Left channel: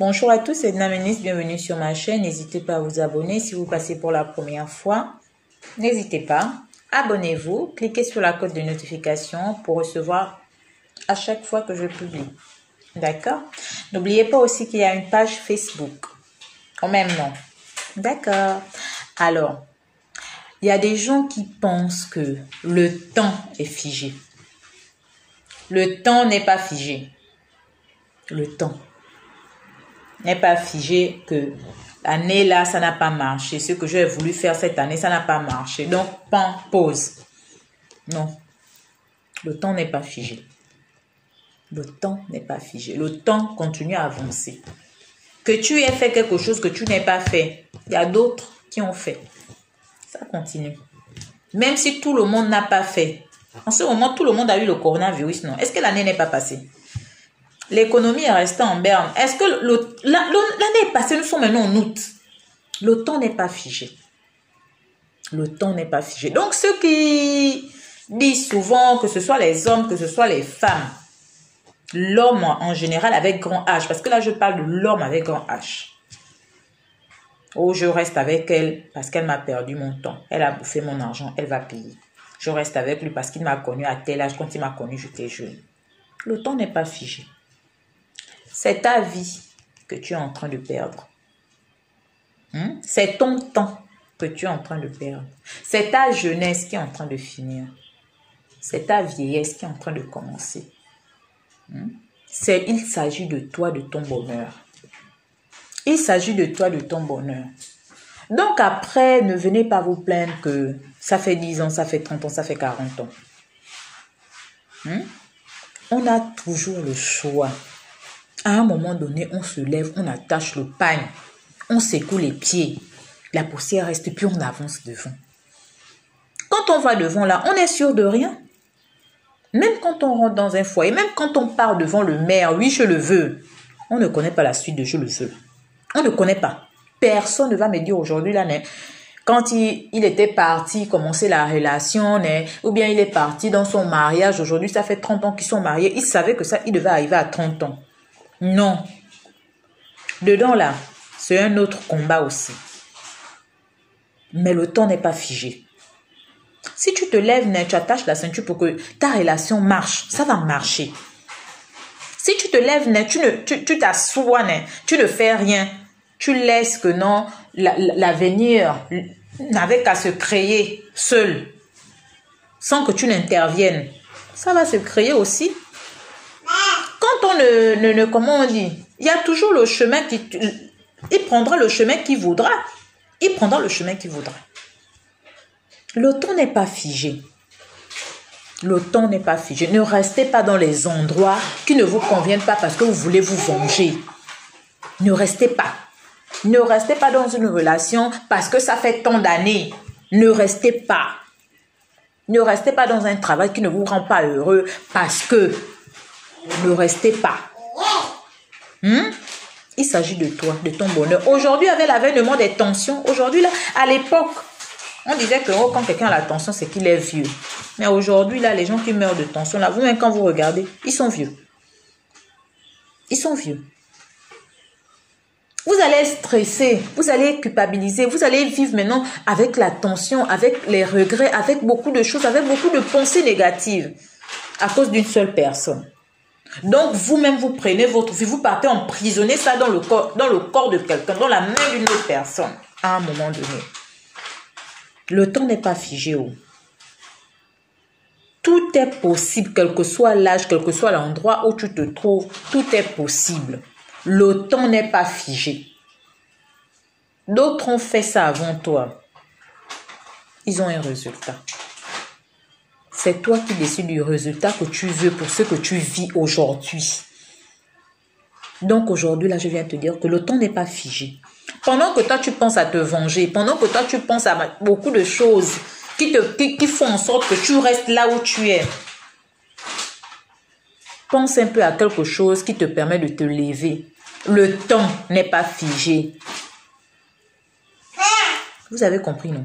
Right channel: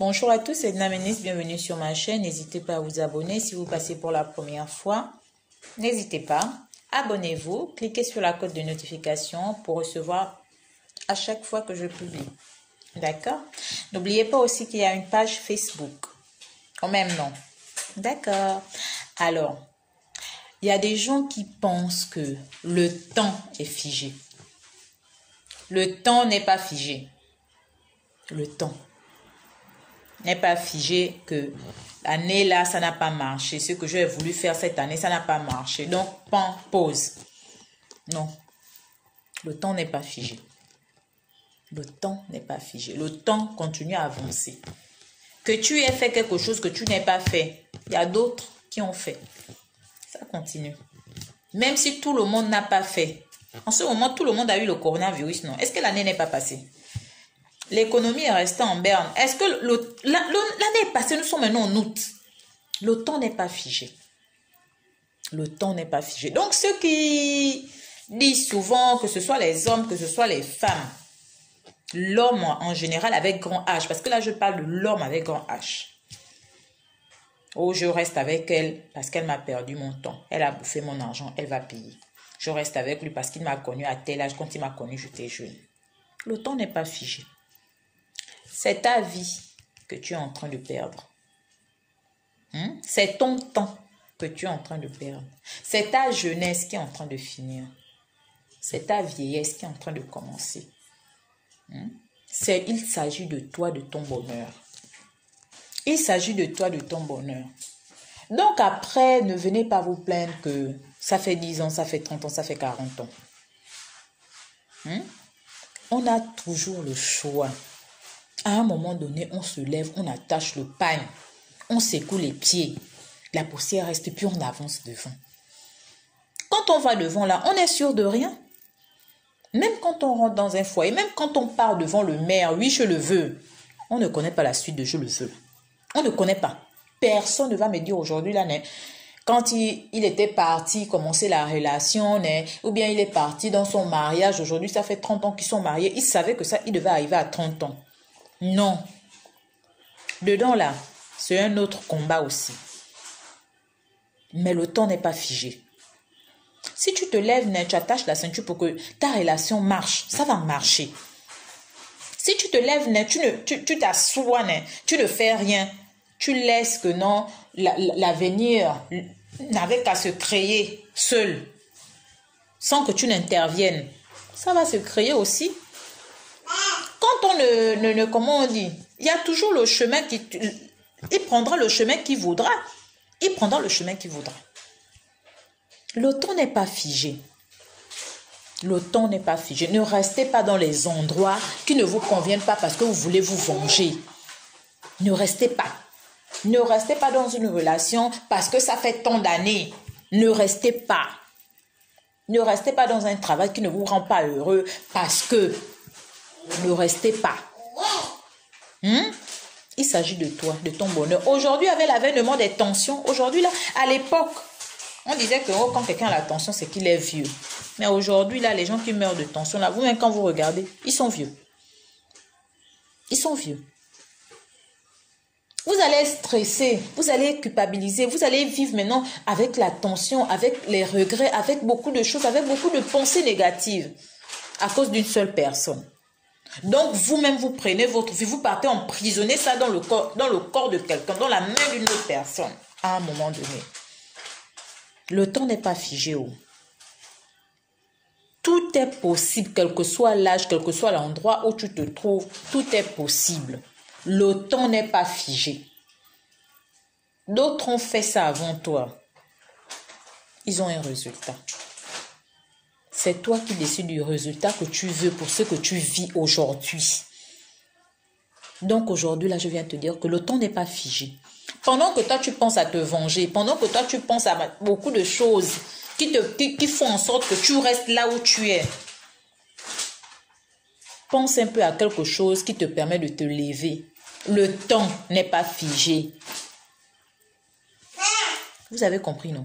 Bonjour à tous, c'est Edna Ménis, bienvenue sur ma chaîne. N'hésitez pas à vous abonner si vous passez pour la première fois. N'hésitez pas, abonnez-vous, cliquez sur la cloche de notification pour recevoir à chaque fois que je publie. D'accord? N'oubliez pas aussi qu'il y a une page Facebook au même nom. D'accord? Alors, il y a des gens qui pensent que le temps est figé. Le temps n'est pas figé. Le temps n'est pas figé, que l'année là, ça n'a pas marché. Ce que j'ai voulu faire cette année, ça n'a pas marché. Donc, pause. Non. Le temps n'est pas figé. Le temps n'est pas figé. Le temps continue à avancer. Que tu aies fait quelque chose que tu n'aies pas fait, il y a d'autres qui ont fait. Ça continue. Même si tout le monde n'a pas fait. En ce moment, tout le monde a eu le coronavirus, non? Est-ce que l'année n'est pas passée? L'économie est restée en berne. Est-ce que l'année est passée, nous sommes maintenant en août. Le temps n'est pas figé. Le temps n'est pas figé. Donc, ceux qui disent souvent, que ce soit les hommes, que ce soit les femmes, l'homme en général avec grand H, parce que là, je parle de l'homme avec grand H. Oh, je reste avec elle parce qu'elle m'a perdu mon temps. Elle a bouffé mon argent, elle va payer. Je reste avec lui parce qu'il m'a connu à tel âge. Quand il m'a connu, j'étais jeune. Le temps n'est pas figé. C'est ta vie que tu es en train de perdre. C'est ton temps que tu es en train de perdre. C'est ta jeunesse qui est en train de finir. C'est ta vieillesse qui est en train de commencer. Il s'agit de toi, de ton bonheur. Il s'agit de toi, de ton bonheur. Donc après, ne venez pas vous plaindre que ça fait 10 ans, ça fait 30 ans, ça fait 40 ans. On a toujours le choix. À un moment donné, on se lève, on attache le pagne, on secoue les pieds. La poussière reste, puis on avance devant. Quand on va devant là, on est sûr de rien. Même quand on rentre dans un foyer, même quand on part devant le maire, oui, je le veux. On ne connaît pas la suite de je le veux. On ne connaît pas. Personne ne va me dire aujourd'hui, là, quand il était parti commencer la relation, ou bien il est parti dans son mariage, aujourd'hui, ça fait 30 ans qu'ils sont mariés, il savait que ça, il devait arriver à 30 ans. Non. Dedans, là, c'est un autre combat aussi. Mais le temps n'est pas figé. Si tu te lèves, tu attaches la ceinture pour que ta relation marche, ça va marcher. Si tu te lèves, tu t'assois, tu ne fais rien, tu laisses que non, l'avenir n'avait qu'à se créer seul, sans que tu n'interviennes. Ça va se créer aussi. Quand on comment on dit, il y a toujours le chemin il prendra le chemin qu'il voudra. Il prendra le chemin qu'il voudra. Le temps n'est pas figé. Le temps n'est pas figé. Ne restez pas dans les endroits qui ne vous conviennent pas parce que vous voulez vous venger. Ne restez pas. Ne restez pas dans une relation parce que ça fait tant d'années. Ne restez pas. Ne restez pas dans un travail qui ne vous rend pas heureux parce que ne restez pas. Il s'agit de toi, de ton bonheur. Aujourd'hui, avec l'avènement des tensions, aujourd'hui, là, à l'époque, on disait que quand quelqu'un a la tension, c'est qu'il est vieux. Mais aujourd'hui, là, les gens qui meurent de tension, là, vous-même, quand vous regardez, ils sont vieux. Ils sont vieux. Vous allez stresser, vous allez culpabiliser, vous allez vivre maintenant avec la tension, avec les regrets, avec beaucoup de choses, avec beaucoup de pensées négatives à cause d'une seule personne. Donc, vous-même, vous prenez votre vie, vous partez emprisonner ça dans le corps de quelqu'un, dans la main d'une autre personne, à un moment donné. Le temps n'est pas figé. Tout est possible, quel que soit l'âge, quel que soit l'endroit où tu te trouves, tout est possible. Le temps n'est pas figé. D'autres ont fait ça avant toi. Ils ont un résultat. C'est toi qui décides du résultat que tu veux pour ce que tu vis aujourd'hui. Donc aujourd'hui, là, je viens te dire que le temps n'est pas figé. Pendant que toi, tu penses à te venger, pendant que toi, tu penses à beaucoup de choses qui font en sorte que tu restes là où tu es, pense un peu à quelque chose qui te permet de te lever. Le temps n'est pas figé. Vous avez compris, non?